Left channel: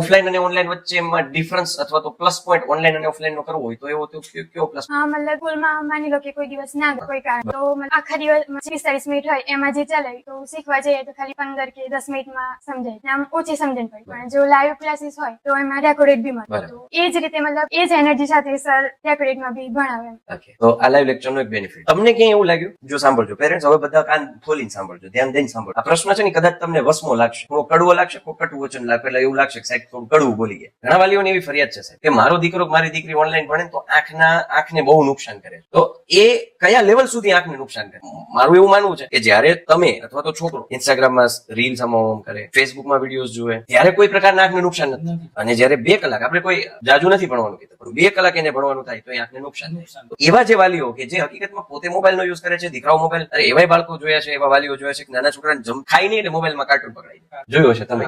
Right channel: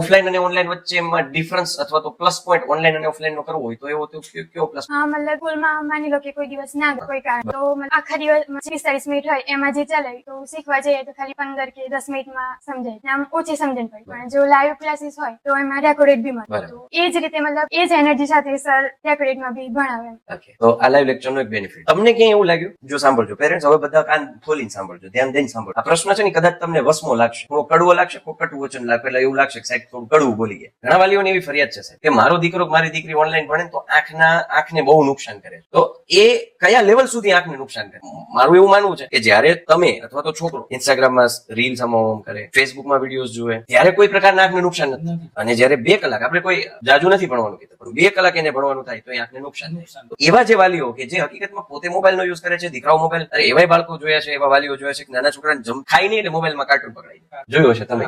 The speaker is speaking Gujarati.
ઓફલાઈન અને ઓનલાઈન વચ્ચે ડિફરન્સ અથવા તો પ્લસ પોઈન્ટ ઓનલાઈન અને ઓફલાઈન નો કરવો હોય તો એવો તો કયો પ્લસ? હા, મતલબ સ્કૂલમાં માની લો કે કોઈ દિવસ ના કોઈ કારણ તો આખા દિવસ 45 મિનિટ હોય એમાં જે ચાલે તો શીખવા જઈએ તો ખાલી 15 કે 10 મિનિટમાં સમજાય, આમ ઓછી સમજણ પડે. પણ જો લાઈવ ક્લાસીસ હોય તો એમાં રેકોર્ડેડ બી મળે, તો એ જ રીતે મતલબ એ જ એનર્જી સાથે સર રેકોર્ડેડમાં બી ભણાવે. તો આ લાઈવ લેક્ચરનો એક બેનિફિટ તમને ક્યાં એવું લાગ્યું? જો સાંભળજો પેરેન્ટ્સ, હવે બધા કાન ખોલીને સાંભળજો, ધ્યાન દઈને સાંભળજો. આ પ્રશ્ન છે ને કદાચ તમને વસમો લાગશે, થોડો કડવો લાગશે, ખોટું વચન લાગે એટલે એવું લાગશે કે સાહેબ થોડું કડવું બોલી ગયા. ઘણા વાલીઓની એવી ફરિયાદ છે સાહેબ કે મારો દીકરો મારી દીકરી ઓનલાઈન ભણે તો આંખને બહુ નુકસાન કરે. તો એ કયા લેવલ સુધી આંખને નુકસાન કરે? મારું એવું માનવું છે કે જ્યારે તમે અથવા તો છોકરો ઇન્સ્ટાગ્રામમાં રીલ્સ કરે, ફેસબુકમાં વિડીયોઝ જોવે, ત્યારે કોઈ પ્રકારના આંખને નુકસાન નથી. અને જ્યારે 2 કલાક, આપણે કોઈ જાજુ નથી ભણવાનું કીધું, 2 કલાક એને ભણવાનું થાય તો એ આંખને નુકસાન થાય. એવા જે વાલીઓ કે જે હકીકતમાં પોતે મોબાઈલ નો યુઝ કરે છે, દીકરાઓ મોબાઈલ, એવા બાળકો જોયા છે, એવા વાલીઓ જોયા છે કે નાના છોકરાને ખાઈ નહીં ને મોબાઈલમાં કાઢો જોયું હશે તમે.